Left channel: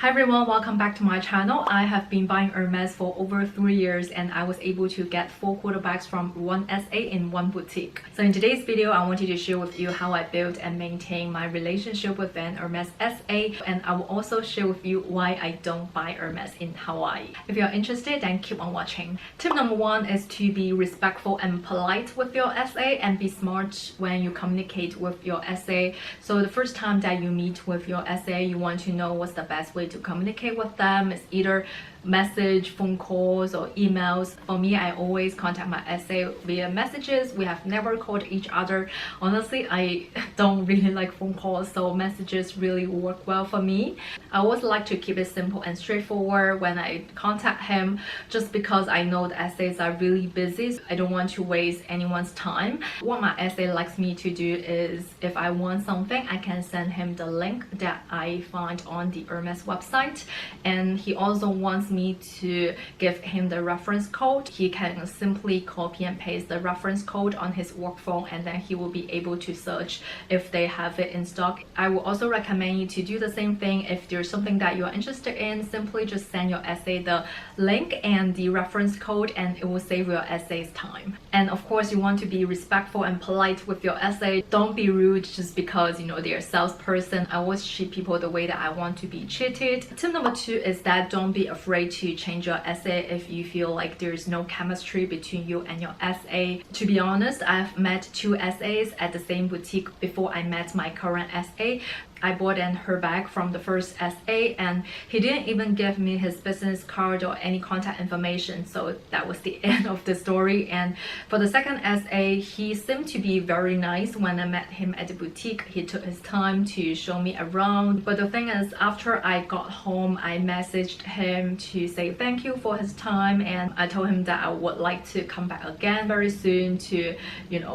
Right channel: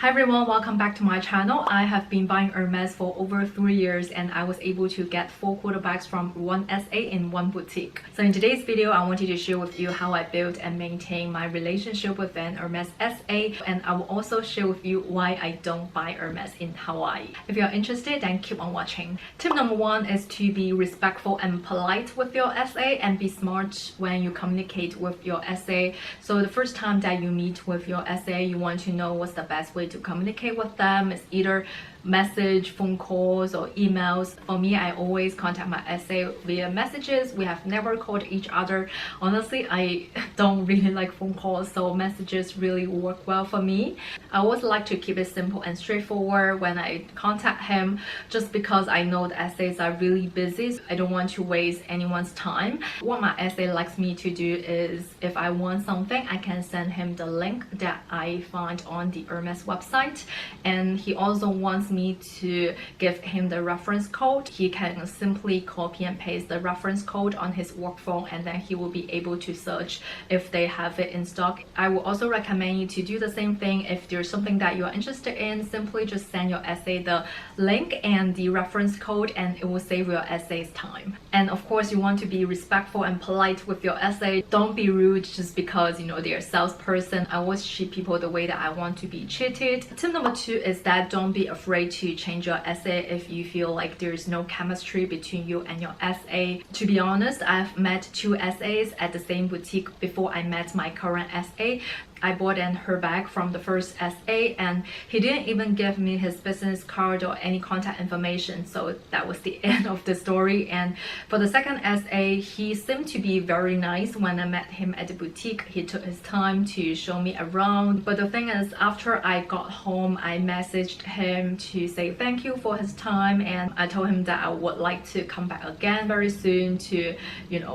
Hi everyone, welcome back to my channel. I have been buying Hermes for over 3 years and I was able to get 4 quarter bags from one SA in one boutique. So in today's video, I wanted to share with you how I built and maintain my relationship with an Hermes SA, and I will also share with you why I don't buy Hermes in Hawaii. If you're interested, then keep on watching. Tip number 1 is to be respectful and polite with your SA and be smart when you communicate with your SA. So the first time that you meet with your SA, you want to know what's the best way to communicate with them. It's either message, phone calls, or emails. For me, I always contact my SA via messages. We have never called each other. Honestly, I don't really like phone calls, so messages really work well for me. I always like to keep it simple and straightforward when I contact him, just because I know the SAs are really busy. So I don't want to waste anyone's time. What my SA likes me to do is, if I want something, I can send him the link that I found on the Hermes website, and he also wants me to give him the reference code. He can simply copy and paste the reference code on his work phone, and then he will be able to search if they have it in stock. I will also recommend you to do the same thing. If there's something that you're interested in, simply just send your SA the link and the reference code, and it will save your SA's time. And of course, you want to be respectful and polite with your SA. Don't be rude just because they're a salesperson. I always treat people the way that I want to be treated. Tip number 2 is that don't be afraid to change your SA if you feel like there's no chemistry between you and your SA. To be honest, I've met 2 SAs at the same boutique before I met my current SA. I bought her bag from the first SA, and he didn't even give me his business card or any contact information, so that was the end of the story. And for the second SA, he seemed to be very nice. When I met him at the boutique, he took his time to show me around. But the thing is, after I got home, I messaged him to say thank you for his time, and I told him that I would like to come back again very soon to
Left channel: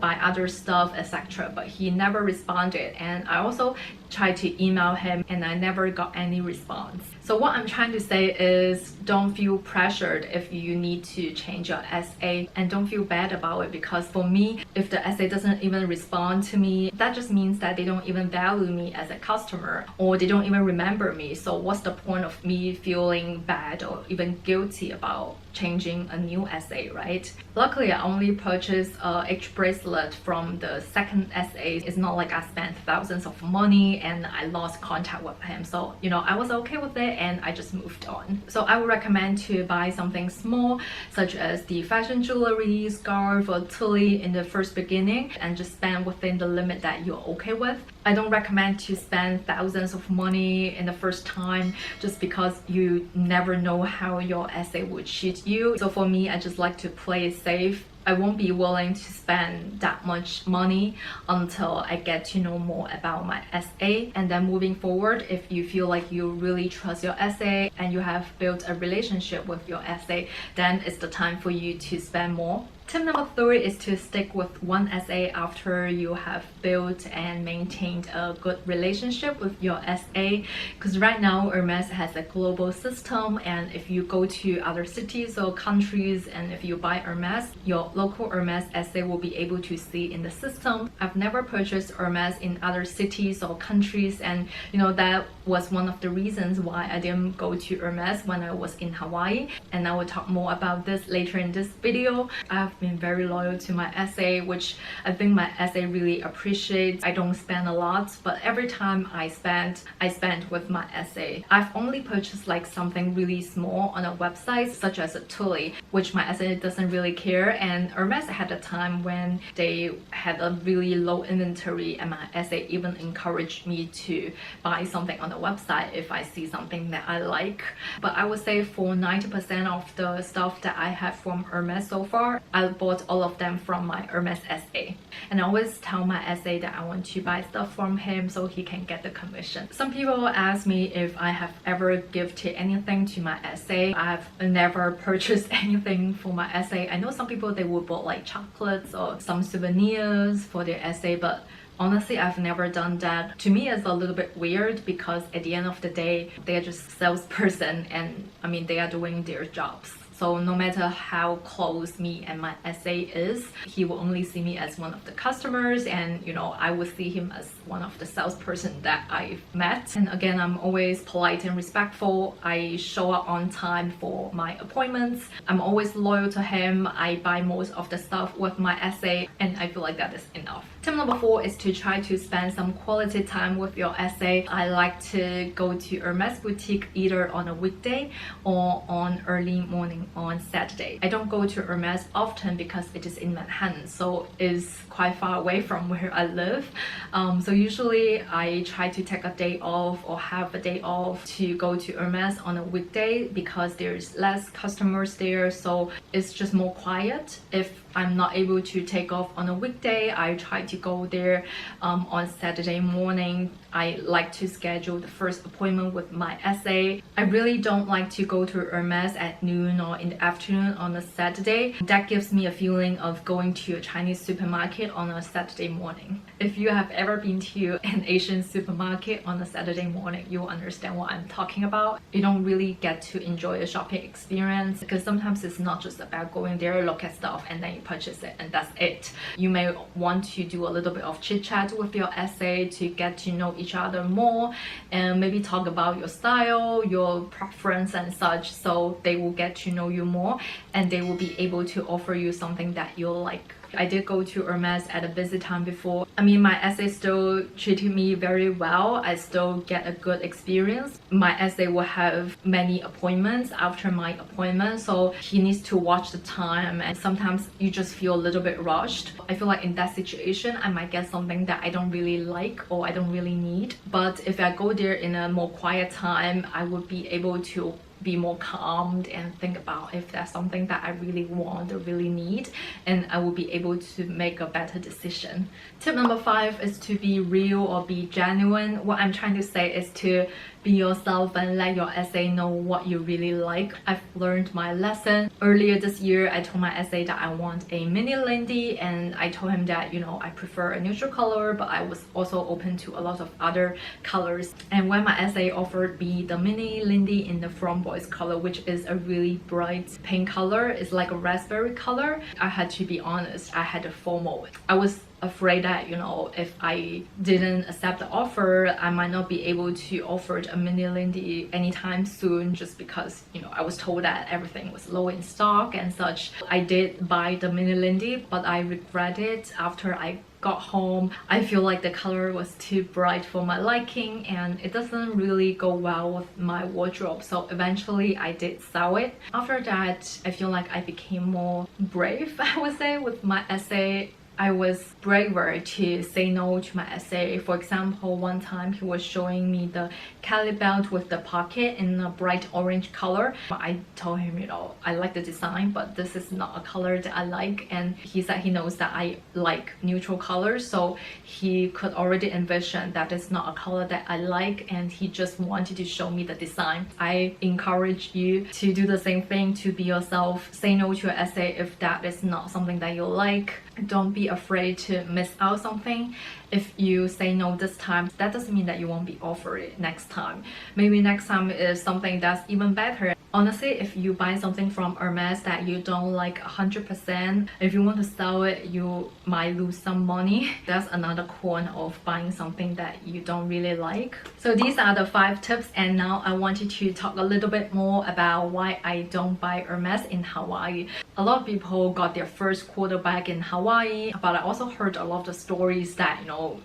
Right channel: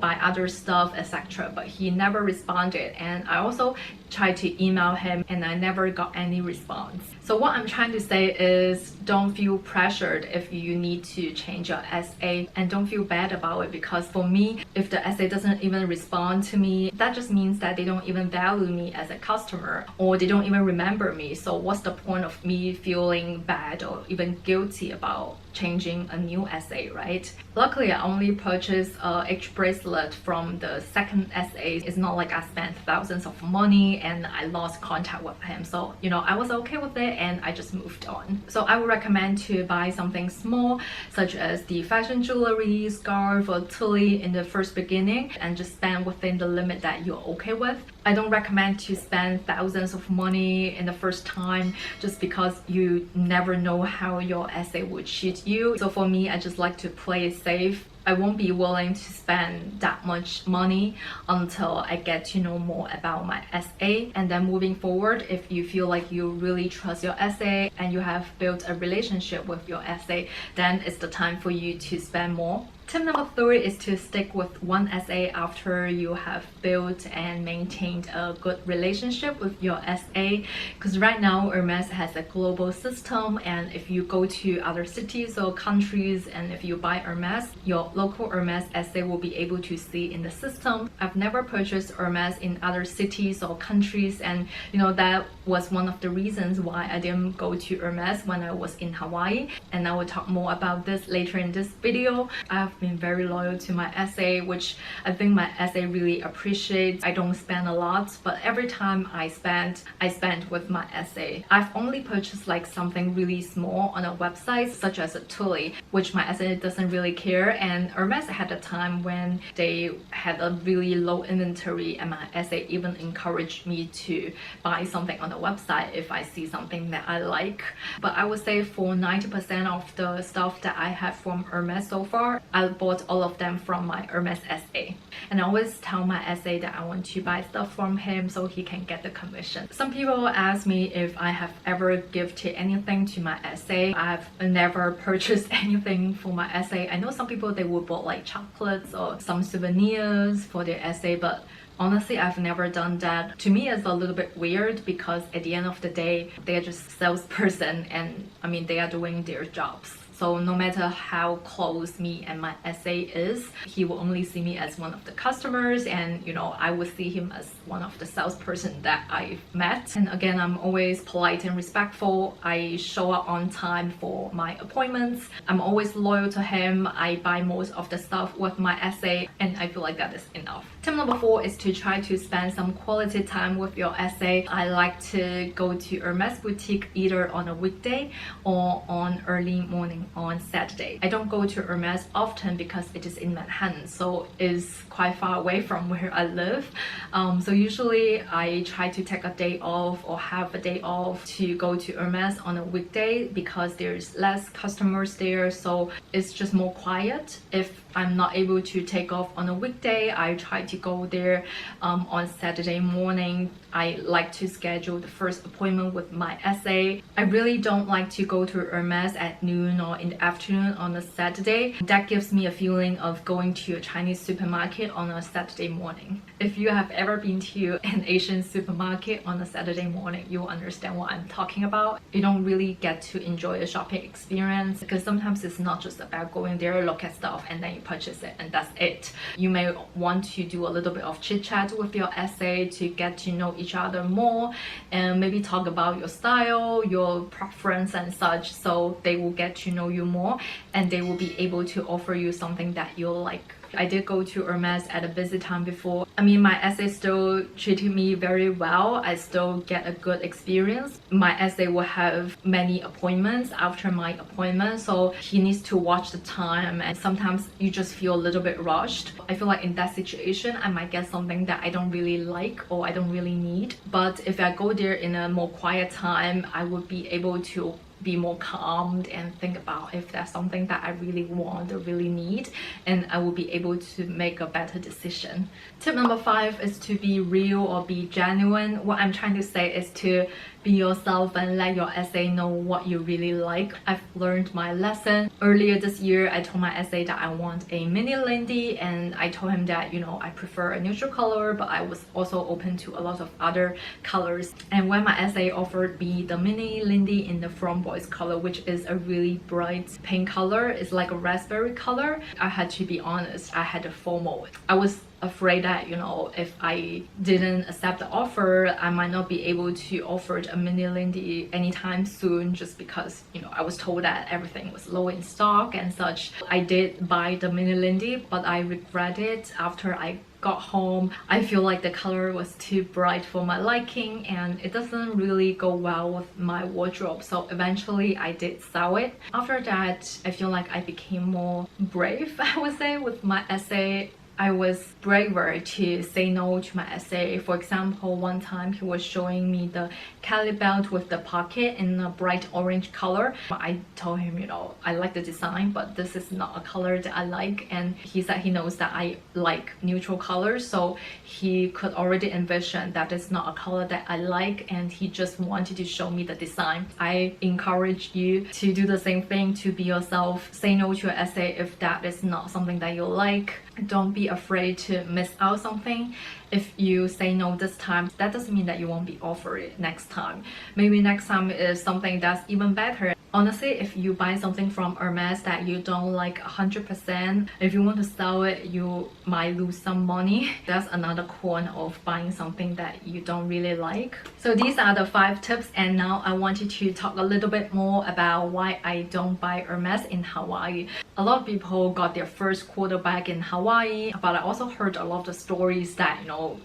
buy other stuff, etc. But he never responded, and I also tried to email him and I never got any response. So what I'm trying to say is, don't feel pressured if you need to change your SA, and don't feel bad about it, because for me, if the SA doesn't even respond to me, that just means that they don't even value me as a customer, or they don't even remember me. So what's the point of me feeling bad or even guilty about changing a new SA, right? Luckily, I only purchased each bracelet from the second SA. It's not like I spent thousands of money and I lost contact with him. So, I was okay with it and I just moved on. So I would recommend to buy something small, such as the fashion jewelry, scarf, or tully in the first beginning, and just spend within the limit that you're okay with. I don't recommend to spend thousands of money in the first time, just because you never know how your SA will treat you. So for me, I just like to play it safe. I won't be willing to spend that much money until I get to know more about my SA. And then moving forward, if you feel like you really trust your SA and you have built a relationship with your SA, then it's the time for you to spend more. Tip number 3 is to stick with one SA after you have built and maintained a good relationship with your SA. Because right now, Hermes has a global system, and if you go to other cities or countries and if you buy Hermes, your local Hermes SA will be able to see in the system. I've never purchased Hermes in other cities or countries, and that was one of the reasons why I didn't go to Hermes when I was in Hawaii, and I will talk more about this later in this video. I've been very loyal to my SA, which I think my SA really appreciates. I don't spend a lot, but every time I spend with my SA. I've only purchased like something really small on a website, such as a tully, which my SA doesn't really care. And Hermes had a time when they had a really low inventory, and my SA even encouraged me to buy something on the website if I see something that I like. But I would say for 90% of the stuff that I have from Hermes so far, I bought all of them from my Hermes SA. And I always tell my SA that I want to buy stuff from him so he can get the commission. Some people ask me if I have ever gifted anything to my SA. I've never purchased anything for my SA. I know some people, they will buy like chocolates or some souvenirs for their SA, but honestly, I've never done that. To me, it's a little bit weird, because at the end of the day, they're just salesperson, and they are doing their jobs. So no matter how close me and my SA is, he will only see me as one of the customers, and I will see him as one of the salesperson that I met. And again, I'm always polite and respectful. I show up on time for my appointments. I'm always loyal to him. I buy most of the stuff with my SA, and I feel like that is enough. Tip number 4 is to try to spend some quality time with your SA. I like to go to Hermes boutique either on a weekday or on early morning on Saturday. I don't go to Hermes often because it is in Manhattan, so it's quite far away from where I live. So usually I try to take a day off or have a day off to go to Hermes on a weekday because there's less customers there, so it's just more quiet. If I'm not able to take off on a weekday, I try to go there on Saturday morning. I like to schedule the first appointment with my SA. I really don't like to go to Hermes at noon or in the afternoon on a Saturday. That gives me a feeling of going to a Chinese supermarket on a Saturday morning. If you have ever been to an Asian supermarket on a Saturday morning, you will understand what I'm talking about. You don't really get to enjoy the shopping experience because sometimes it's not just about going there, look at stuff, and then you purchase it and that's it. You may want to do a little bit of chit chat with your SA to get to know each other more and maybe talk about your style, your preference and such, so they will get to know you more and they will be able to offer you something that you like. I did go to Hermes at a busy time before. I mean, my SA still treated me very well. I still get a good experience. My SA will have many appointments after my appointment, so he needs to watch the time, and sometimes you just feel a little bit rushed. I feel like in that situation, I might get something that I don't really like or I don't really need. But if I go there in a more quiet time, I would be able to be more calmed and think about if that's something that I really want or really need, and I will be able to make a better decision. Tip number 5 is to be real or be genuine. What I'm trying to say is to be yourself and let your SA know what you really like. I've learned my lesson. Earlier this year, I told my SA that I want a mini Lindy, and I told him that I prefer a neutral color, but I was also open to a lot of other colors. And when my SA offered me the mini Lindy in the Framboise color, which is a really bright pink color, it's like a raspberry color, I had to be honest, I had a FOMO. I was afraid that if I didn't accept the offer, I might not be able to offer a mini Lindy anytime soon, just because I was told that everything was low in stock and such. I did buy the mini Lindy, but I regret it after I got home. I feel like the color was too bright for my liking and it doesn't really go well with my wardrobe, so eventually I did sell it. After that, I feel like I became more brave, I would say, with my SA. I was braver to say no to my SA. For example, one time he was showing me the Kelly belt with the pocket in a bright orange color. I told him, I like the design, but this is not a color that I like. And he said he knows that I like neutral colors, so he could already envision that it's not a color that I like, and he just wanted to show me the design. I encourage you to do the same thing, to be yourself. Say no to your SA if that is not something that you like. Don't be afraid to miss out something. If you say no this time, that doesn't mean that you won't be offered it next time. Maybe next time is something that's even better. Honestly, if you buy something from Hermes that you don't like 100%, if you want to sell it, you might lose some money. That's another con of buying something that you don't really like. So these are the 5 tips, and now I wanted to talk a little bit more about why I don't buy Hermes in Hawaii. A lot of people got their first quarter bag in Hawaii, but I also heard a lot of stories that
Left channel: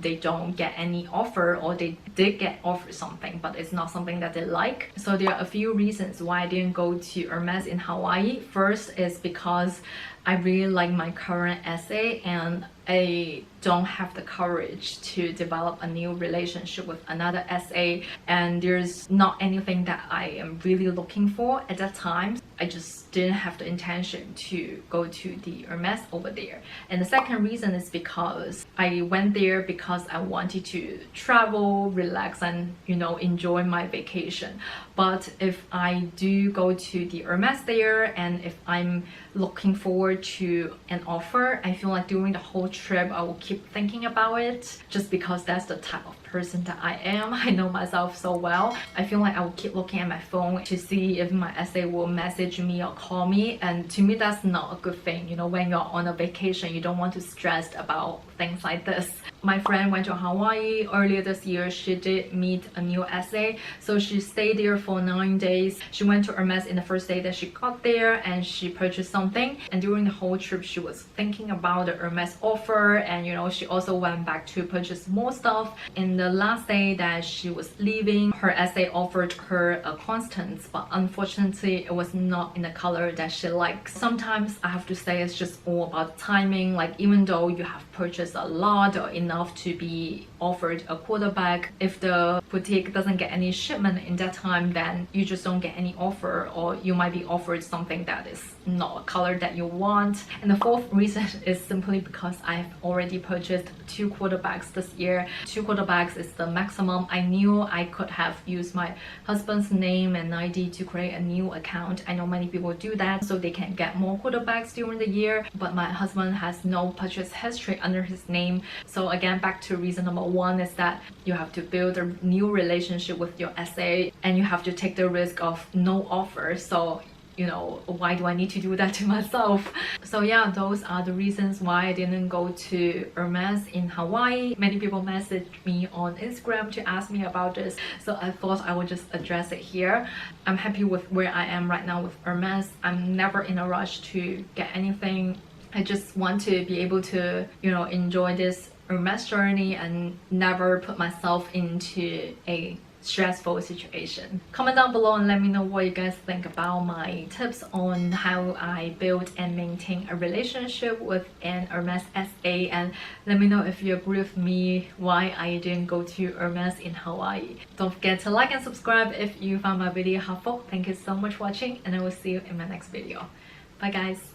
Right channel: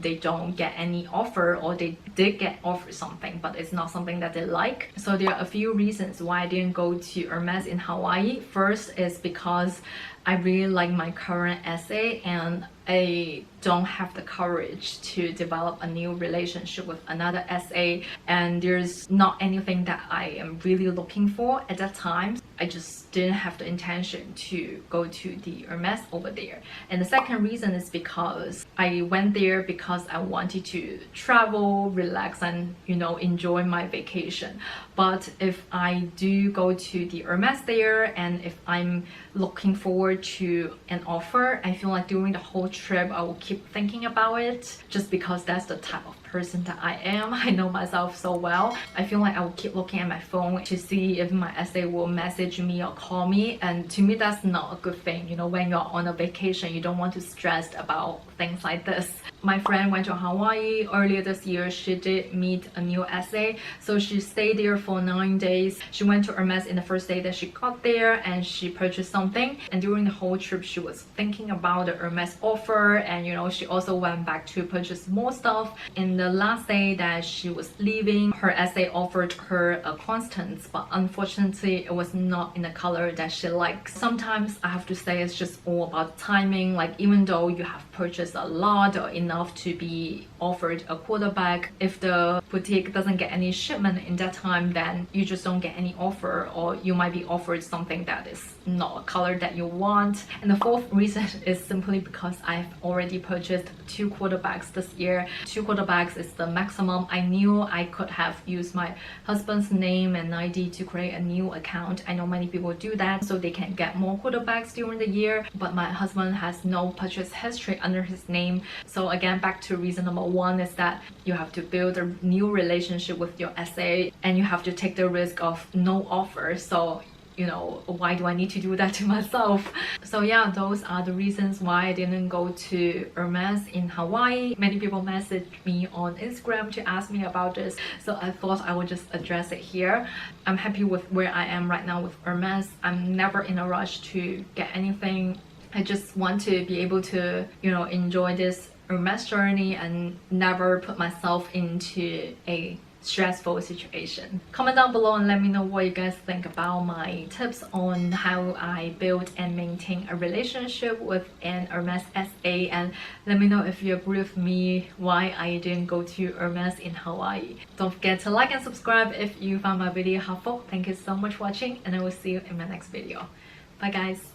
they don't get any offer, or they did get offered something but it's not something that they like. So there are a few reasons why I didn't go to Hermes in Hawaii. First is because I really like my current SA and I don't have the courage to develop a new relationship with another SA, and there's not anything that I am really looking for at that time. I just didn't have the intention to go to the Hermes over there. And the second reason is because I went there because I wanted to travel, relax, and enjoy my vacation. But if I do go to the Hermes there, and if I'm looking forward to an offer, I feel like during the whole trip I will keep thinking about it, just because that's the type of person that I am. I know myself so well. I feel like I'll keep looking at my phone to see if my SA will message me or call me, and to me that's not a good thing. You know, when you're on a vacation, you don't want to stress about things like this. My friend went to Hawaii earlier this year. She did meet a new SA, so she stayed there for 9 days. She went to Hermes in the first day that she got there, and she purchased something, and during the whole trip she was thinking about the Hermes offer, and you know, she also went back to purchase more stuff. In the last day that she was leaving, her SA offered her a Constance, but unfortunately it was not in the color that she likes. Sometimes I have to say it's just all about timing. Like, even though you have purchased a lot or enough to be offered a quarter bag, if the boutique doesn't get any shipment in that time, then you just don't get any offer, or you might be offered something that is not a color that you want. And the fourth reason is simply because I've already purchased 2 quarter bags this year. 2 quarter bags is the maximum. I knew I could have used my husband's name and ID to create a new account. I know many people do that so they can get more quarter bags during the year, but my husband has no purchase history under his name. So again, back to reason number 1 is that you have to build a new relationship with your SA, and you have to take the risk of no offer. So you know, why do I need to do that to myself? So yeah, those are the reasons why I didn't go to Hermes in Hawaii. Many people messaged me on Instagram to ask me about this, so I thought I would just address it here. I'm happy with where I am right now with Hermes. I'm never in a rush to get anything. I just want to be able to, you know, enjoy this Hermes journey and never put myself into a stressful situation. Comment down below and let me know what you guys think about my tips on how I build and maintain a relationship with an Hermes SA, and let me know if you agree with me why I didn't go to Hermes in Hawaii. Don't forget to like and subscribe if you found my video helpful. Thank you so much for watching, and I will see you in my next video. Bye guys.